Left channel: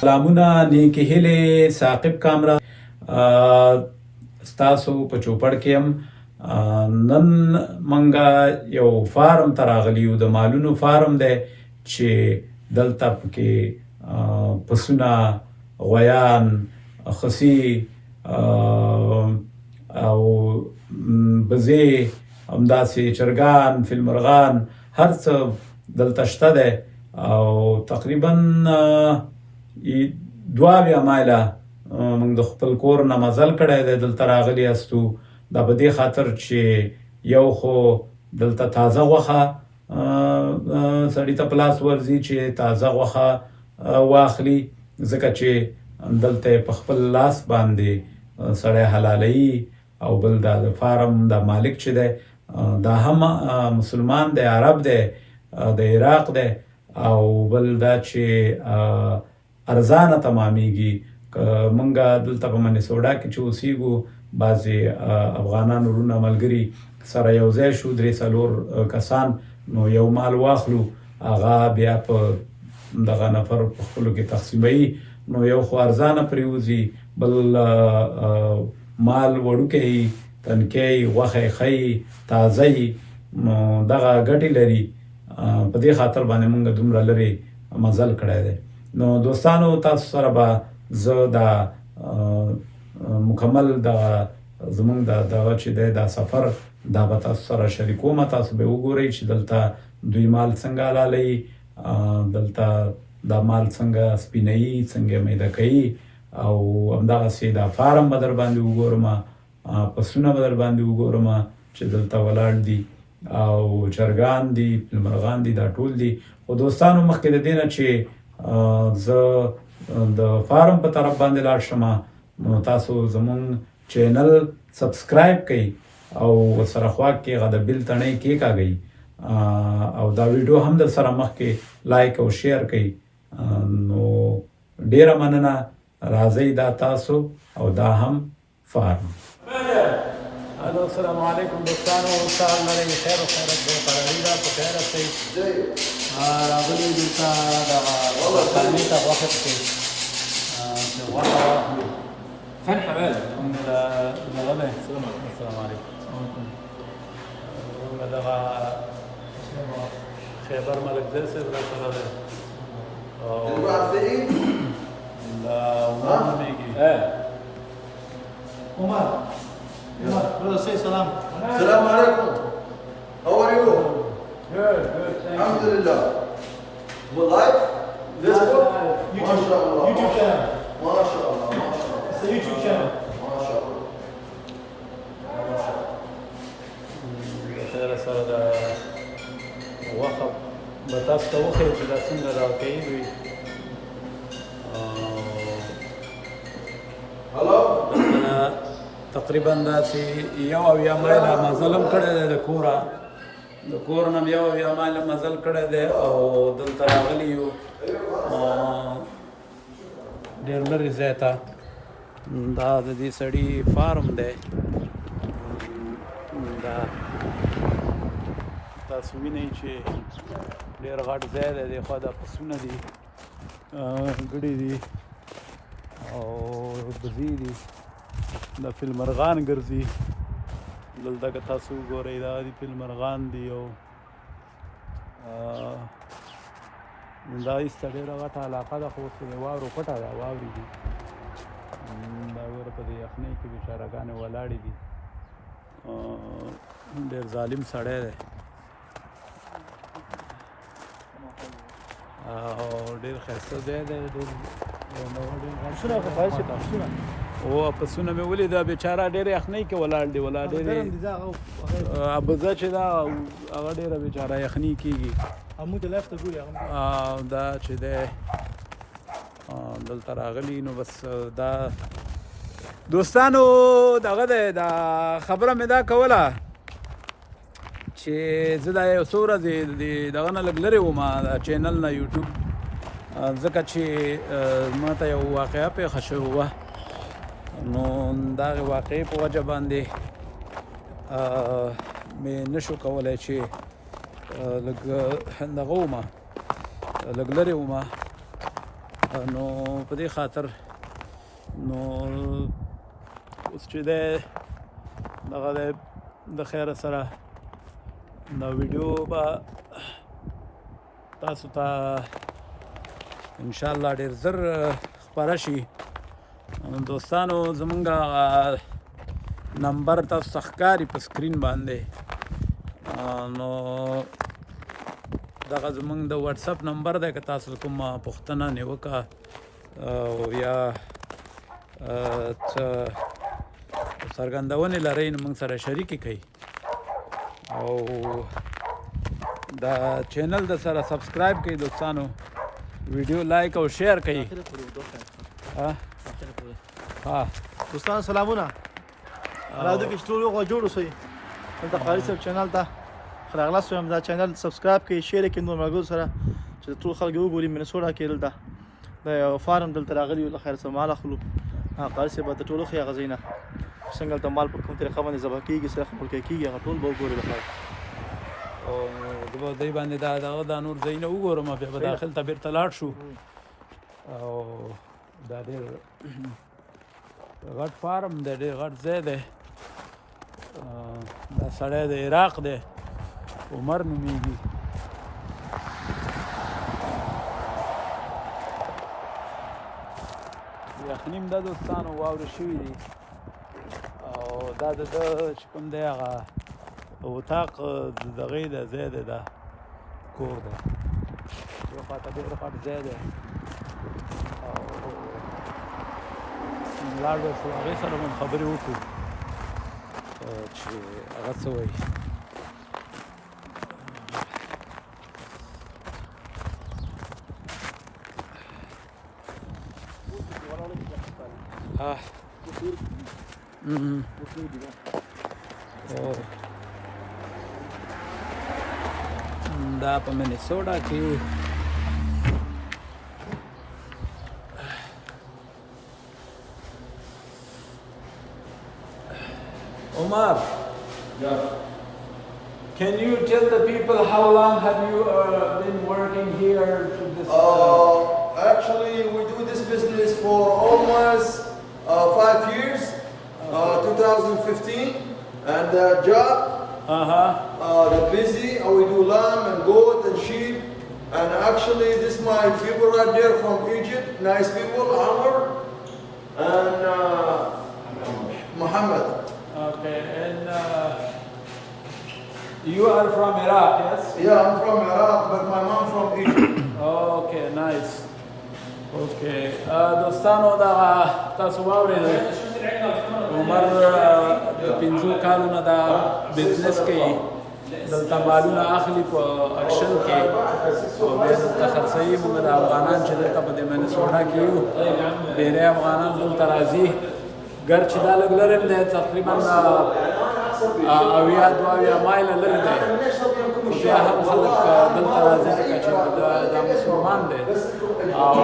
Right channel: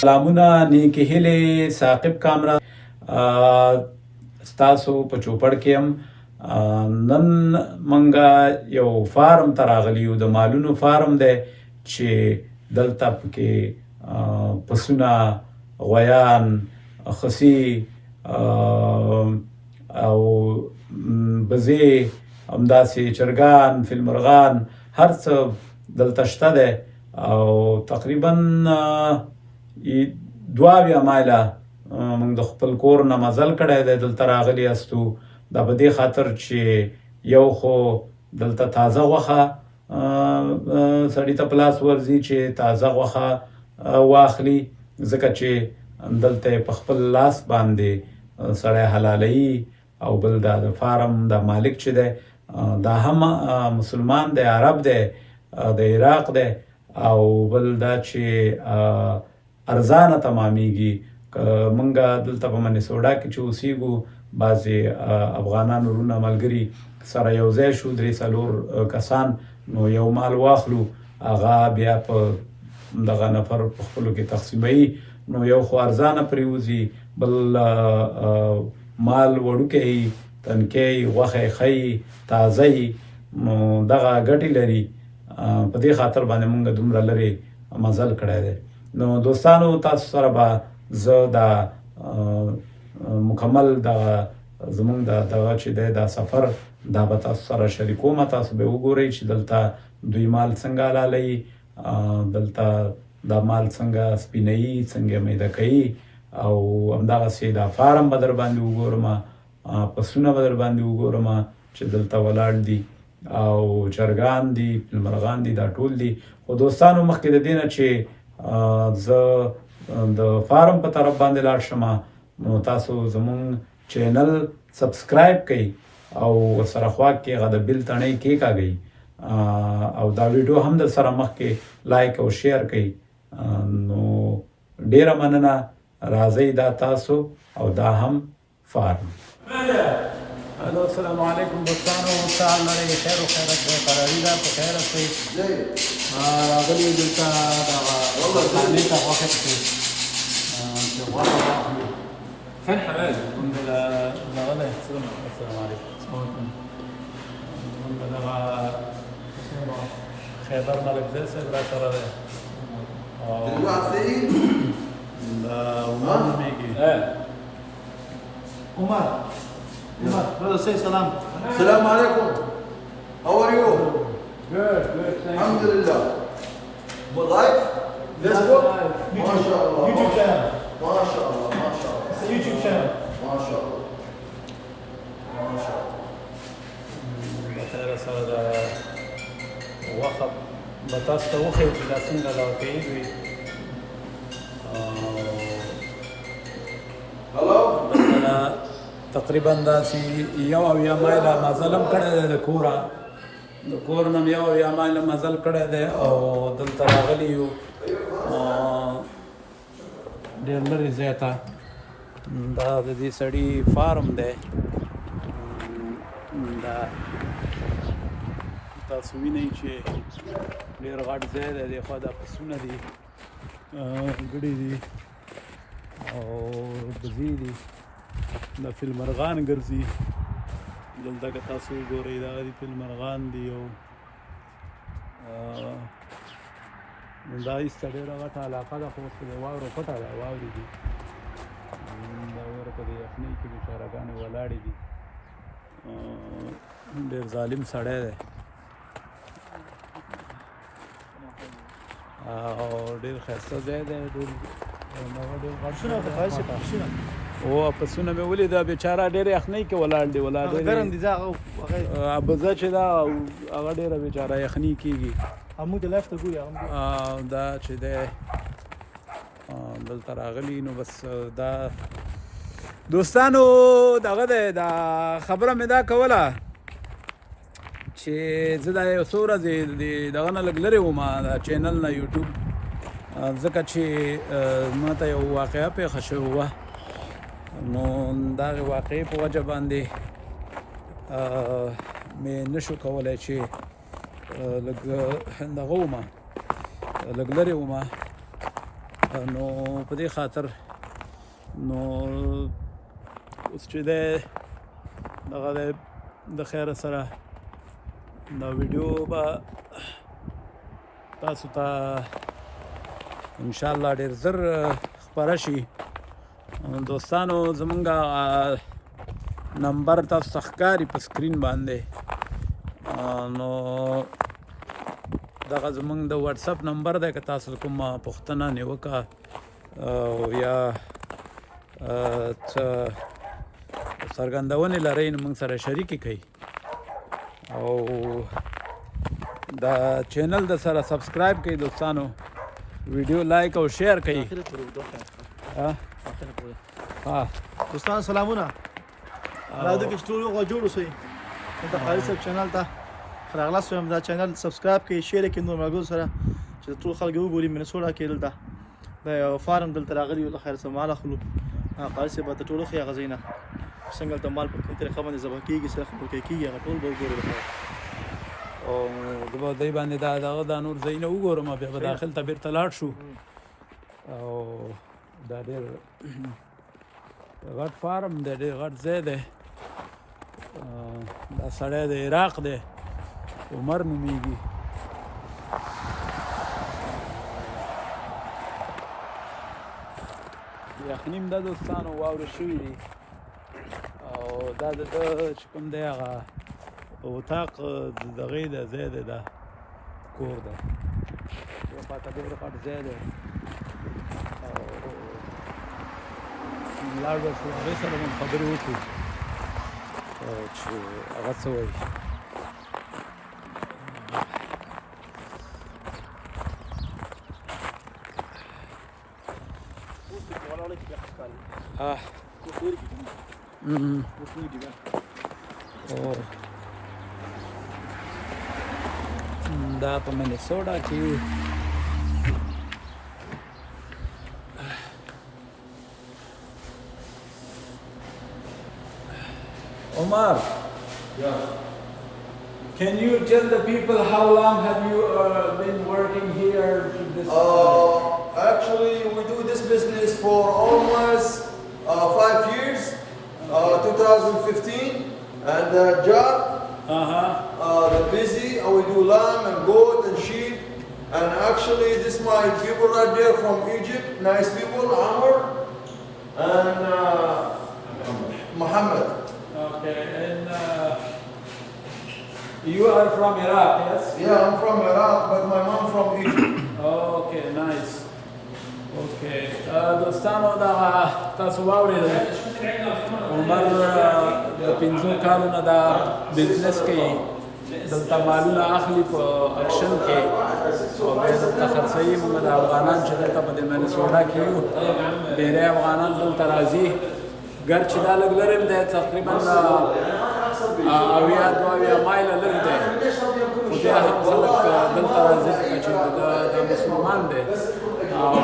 سلامونه نیکې هیلې ثاقب کامرا ستاسو په چوپړ کې هم نن منګه یو فارم ته راغلي یو د مالونو فارم دی چې دلته پکې پسونه غویان خسي او بزې همداسې چرګان فیلمرغان هر څه دلته شته دی او تقریبا 2 مایله موږ د خپل کور نه مزل کړی دی دلته راغلي یاستو دا په دې خاطر چې یو خو دلته تازه غوښه سړي ته په لاس ورځي چې تازه غوښه واخلي ځکه چې دلته په خپل لاس باندې سړی حلالوي او بل دا د فارم د مالک چې دی دا هم مسلمان دی عرب دی د عراق دی او بل دا چې ارزانه تمامیږي منګه دلته په مینیسوټا کې چې اوسېږو بعضې افغانان وروڼه ملګري سره یو ځای شو 3-4 کسان نو یو مال واخلو هغه بیا په دغه نفر په خپلو کې تقسیموي نو یو خو ارزانه پرېوځي بل مال وړوکی تنکی غوښه ښی تازه نو دغه ګټې لري په دې خاطر باندې موږ دومره لرې مزل کړی دی نو دوستانو تاسو سره به زه دا مکمل زموږ دغه چې دی دا سفر دا به تاسو سره شریکوم تاسو به وګورئ چې دلته دوی مال څنګه حلالوي دلته دا مال څنګه سپینوي څنګه میده کوي او همدغسې دا فارم به در باندې وګورم پسونه به در باندې وګورم چې دلته ولاړ دي او چرګان دي فیلمرغان دي دا ټول دي خو دوستانو مخکې د دې نه چې زه د فارم په طرف باندې لاړ شم نو تاسو زموږ چینل سبسکرایب کړئ او ورسره خوا کې هغه د بیل تڼۍ کېکاږئ او دا ویډیو هم در سره مخکې لایک او شیر کړئ نو ډیره مننه راځئ دا تاسو او دا هم فارم الو السلام علیکم دوستانو تاسو لري خیر او خیرت به قراری دا په خیر اوسئ راغلی دلته دا خانې ته غوښه پکې غوښه واخلو الحمد لله دغه دی السلام علیکم موږ دغه خیبر ملکزی صاحب را سره دی او دا عمر نومېږي عمر brother, say salam. Assalamu alaikum. How are you? Good. Alhamdulillah. What live? Facebook? MashaAllah. YouTube channel. MashaAllah. It's a YouTube channel. MashaAllah. بخیر سره دا غوښه به تاسو ته وښیو چې دا څنګه راوتهیي دوی Hello? تقریبا داسې 1 مایله مزل هم کړی دی د کور نه 1 مایله مزل کړی دی او دلته راغلي یو ډېر لرې ځای ته دا د دې سړي فارم دی دا تاسو وینئ چې ډېر غټ ځای دی دخوا دا پسونه دي ګړي دي او بزې دي د فیلمرغان ګرځي دلته که تاسو وګورئ دا دي فیلمرغان دي او دا ایسته ډېره غټه علاقه ده خو اوس د واورو پټه ده واورې دي دا ویره په دې یخنۍ کې بېچارهګانې ولاړې دي ډېر ظالم سړی دی او ډېر ښایسته ځای دی ډېر غټ او پسونه مې ولیده بیچاره ډېرې یخنۍ کې ولاړ دی بزه چې ده هغه ډېره بیچاره یخني کېږي دا چې دی دلته راغلي نو بس دا دوستانو دغه دی دا خبره مې دا کوله چې زه دا یو څو ورځې دغه نه لږ لرې وم د چینل نه یوټیوب ځکه چې ما ته یو واقعه پېښه شوې وه نو د هغې واقعې په وجه باندې مې نشو کولی چې لږ دغه ومه لږ لرې ومه نو په دې خاطر نو اوس چې دی دغه دی د خیره سره دا ویډیو به تاسو ته انشاءالله ډېر زر خپره شي. دوستانو زمونږ نمبر تاسو ته ښکاري په سکرین باندې، نو دغه زمونږ د واتساپ نمبر دی. که تاسو کومه پوښتنه نیوکه یا څه څرګندونې لرئ نو موږ سره شریکې کړئ، او دا چینل د سره سبسکرایب کړئ دوستانو، ویډیو لایک او شیر کړئ. دوستانو سلامونه، راځئ چې ټول یو جوړشوی دلته خالص چینل ته راغلاست یم. دا چینل سبسکرایب کړئ، شیر کړئ نور ملګرو سره چې ټول خلک وګوري. مینیسوټا کې دلته د یو فارم دلته راغلي یو، له خیر څه مال اخلو. قاري صاحب ته ټول ښې هغه ځای نه څنګه دلته مال په کوم طریقه باندې ذبح کېږي، څه مړکې کېږي، هغه ټول به وګوري د خیر. او زه به دی باندې دا نور ځایونه وګورم، بیا به داخل ته بېرته لاړ شو. او دا ډېر غټ فارم دی، ډېر غټ ځای دی. دا سړی د عراق دی، عمر نومیږي. یخني هم ده دوستانو، واورې شوي دي. او دا د ده چې کوم دی هغه اتاق د دغې د ځای دی، دا کور دی. یو خواته ډېر غټ ځای دی. او لاړ به شو، هغې سره به خبرې وکړو چې هغه څه وایي. دا په مینیسوټا کې یو. Omar, can you tell the people how long have you been working here to this? Actually, we do this business for almost 5 years, 2015, and the job, the busy, we do lamb and goat and sheep, and actually this my people right there from Egypt, nice people, Amr and Muhammad. Okay, and you are from Iraq, yes? Yeah, I'm from Iraq, but my mom from Egypt. Okay, nice. Okay, دوستانو دا تاسو واورېدل، عمر د 5 کالو نه دا بزنس کوي، دلته مالونه اخلي په اکشن کې او بیا دلته خرڅوي. موږ د افغانان چې دلته په دې مینیسوټا کې یو، ډېری افغانان دلته راځي. ګر چې دا لږ لرې دی، تقریبا 80 مایله لرې دی، خو بیا هم خلک دلته راځي ځکه چې دا مسلمان دی او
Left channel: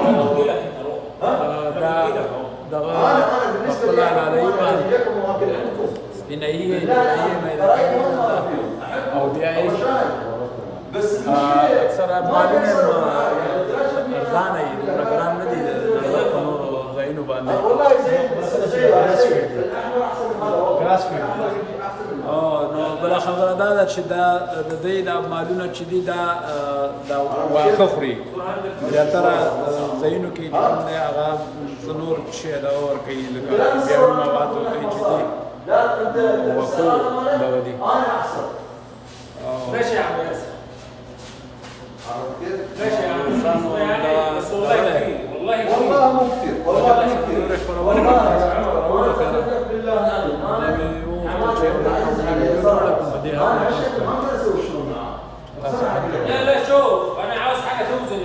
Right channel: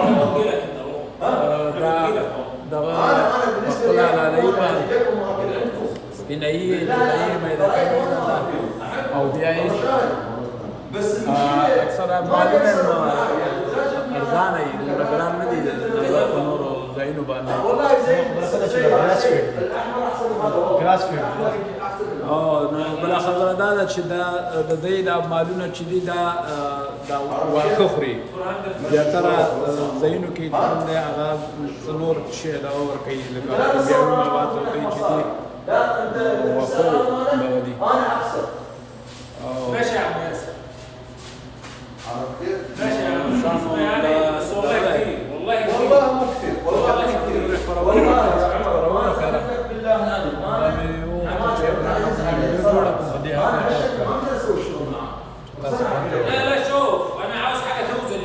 دا دغه په خپله حلالوي به سپینوي یې، جوړوي یې، میده کوي او بیا یې اکثره مالونه هم ارزانه وي، دومره ګران نه دي نظر په نورو ځایونو باندې. نو بله خبره دا ده چې دا د دوی دا مالونه چې دي دا واښه خوري. زیاتره ځایونو کې چې کوم دی هغه څه نور شی دغه ورکوي، لکه کیمیاوي مواد ورکوي چې دي واښو دغه دي. انسانو شوف انا عاوز حاجه توزن.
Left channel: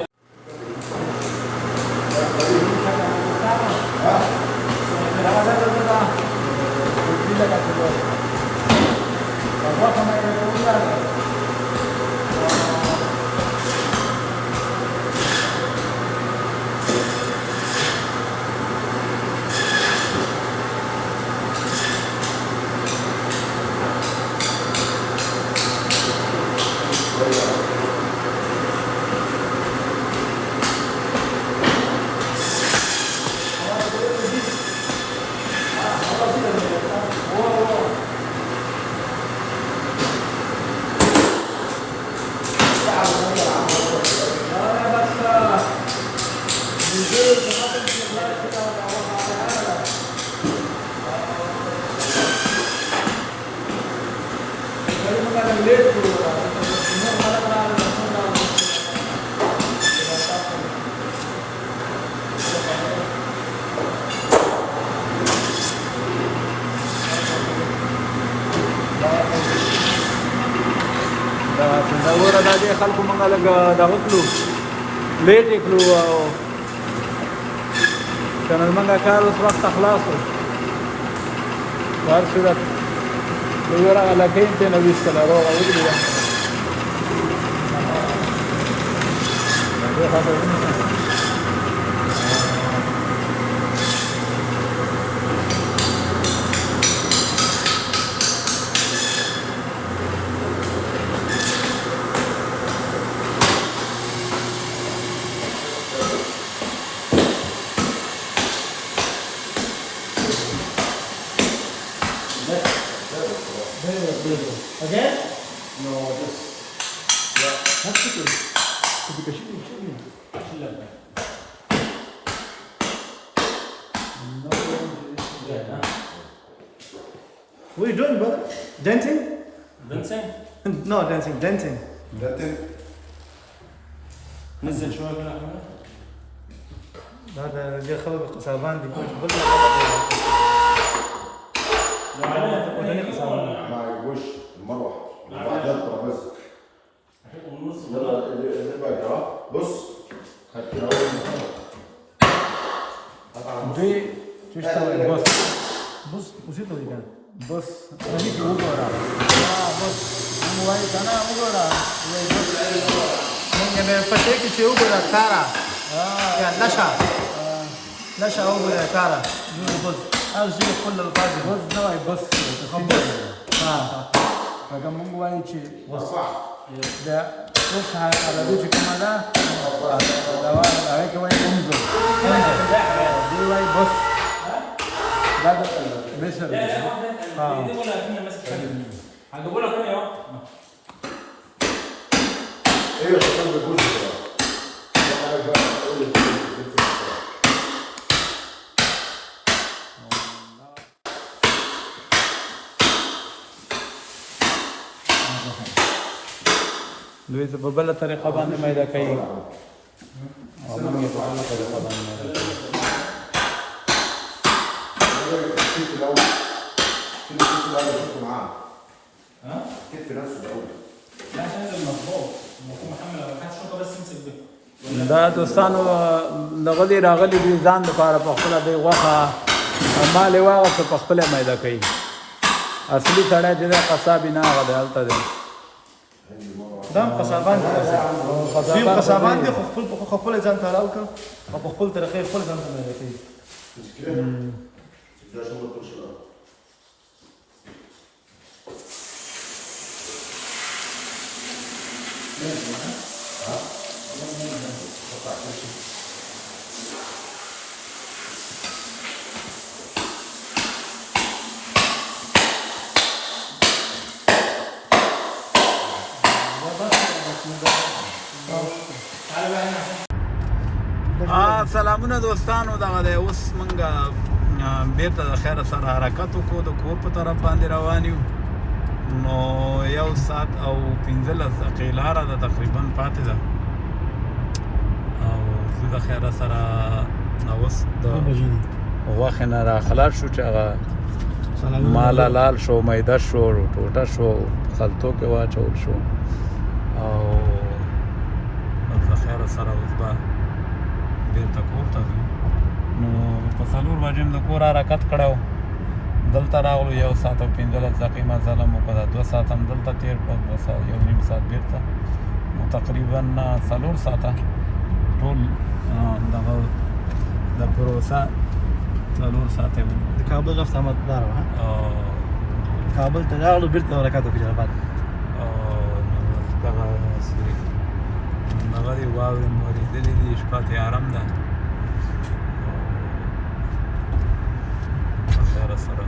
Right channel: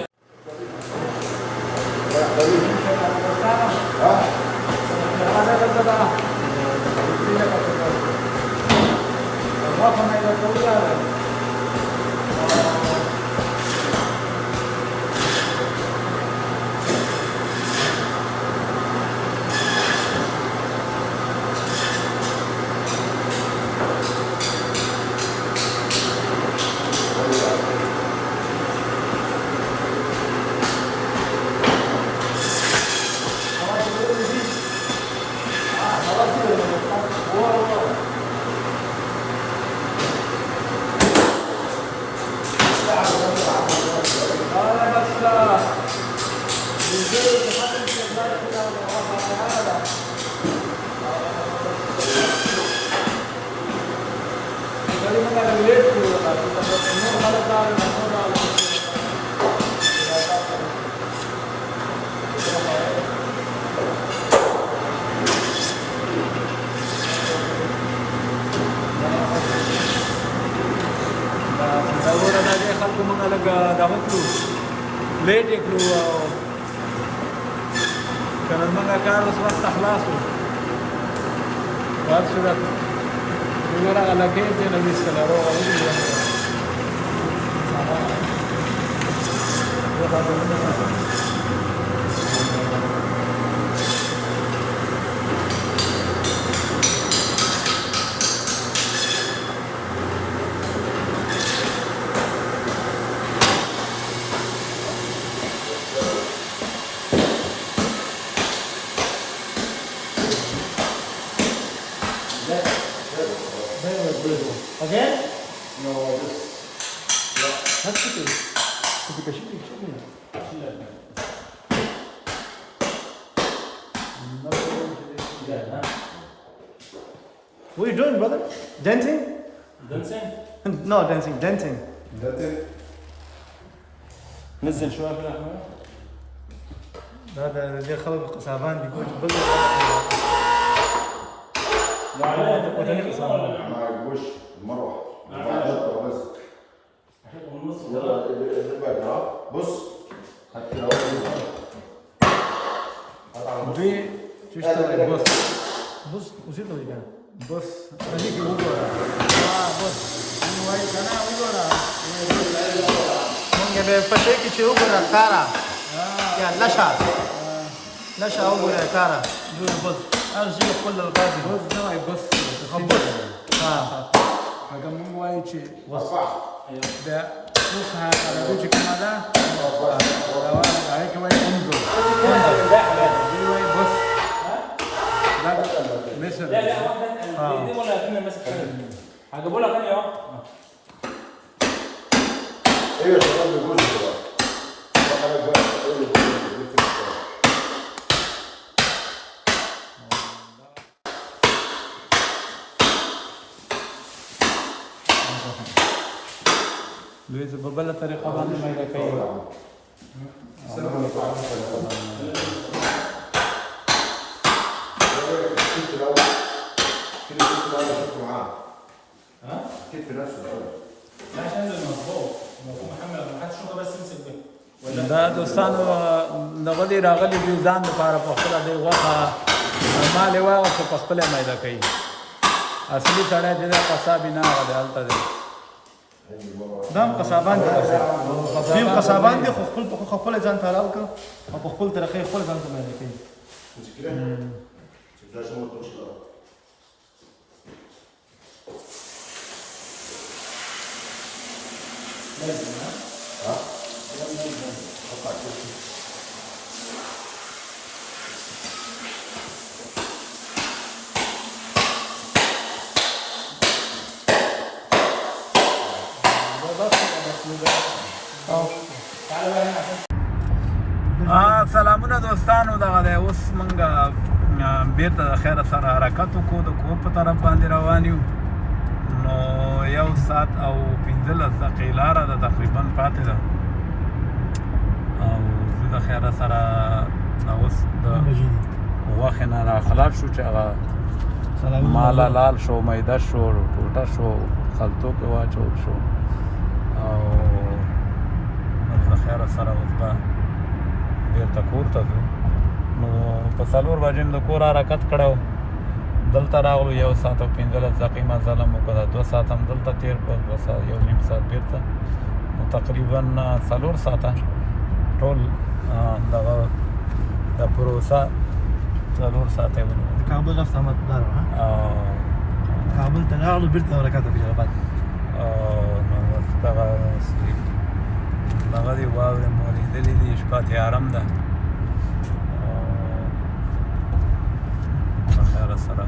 خلکو موږ لږ دغه کړو لیټ یې کړو او د نرمن کار اوس وخت خلاص و بهر صورت وګوره لکۍ ته نه ویستله روغه وګړي Again? No, just... That's okay. Because chili. What are you doing, brother? Dancing? Dancing? No, dancing. Dancing. نزل شوية في هذا اللي خلق قصابان دي كوش بلد وتاني قصابان. مع الوش المروح بعدين الترابيزه يلا اللي بقى ها بص خدت الاول دي تشتغل بص وزيد ولا بص انا هيك وګورا بص انا وايي انا وګورا بص مونږ به پټه کې چې وګورا کارا یا لشا وګورا کارا بص ارجع كل الفاضي بص نوعي بص هغه مونږ وایي چې دا اوس عربي چې کومه ده هغه کې وایي انظر دی وایي بص دا مصر هجيبوا لك انا اهو ايوه خلي الجزء دوی په بل طریقه باندې پیدا کوي كيف نفسه الاول لا عشان المظبوط محمد ما حدش شوطه بس امسك به دا دوستانو دغه دی راغلي دي ځان لپاره په خپله دی غوښه مالې واغسته په خپله میده کوي اصلي سړی دی دا قصاب نه هغه هلته دی دا هم قصابان دي دوی قصابان دي خو خپله ځان ته حلال کړ او په خپل طریقې خپل ځان ته میده کوي سلامونه دوستانو دغه دی اوس موږ بیرته د خیره سره حرکت وکړو د کور په طرف باندې روان یو نو 1 ساعت او 15 دقیقې لاره ده تقریبا پاتې ده او زه د خیره سره اوس د غوښې نه راخلاص شو چې هغه مال حلال شو میده شو ټوټه شو خلطو کې واچول شو او د خیره سره اوس به بیرته کور ته ځو نو په 4 بجې د کور حرکت کړی دلته راغلو 1 ساعت او 15 دقیقې مزل مو وکړه 2 ساعت هم دلته تېر کړل 1.5 ساعت بیرته نو تقریبا 4 ساعته ټول دغه دا پروسه 4 ساعته د کابل رفت آمددار او کابل ته راغلو بیرته حرکت وکړو بعد دغه دی واورې مو لیدلې دي شپه تیارم ده او خیره سره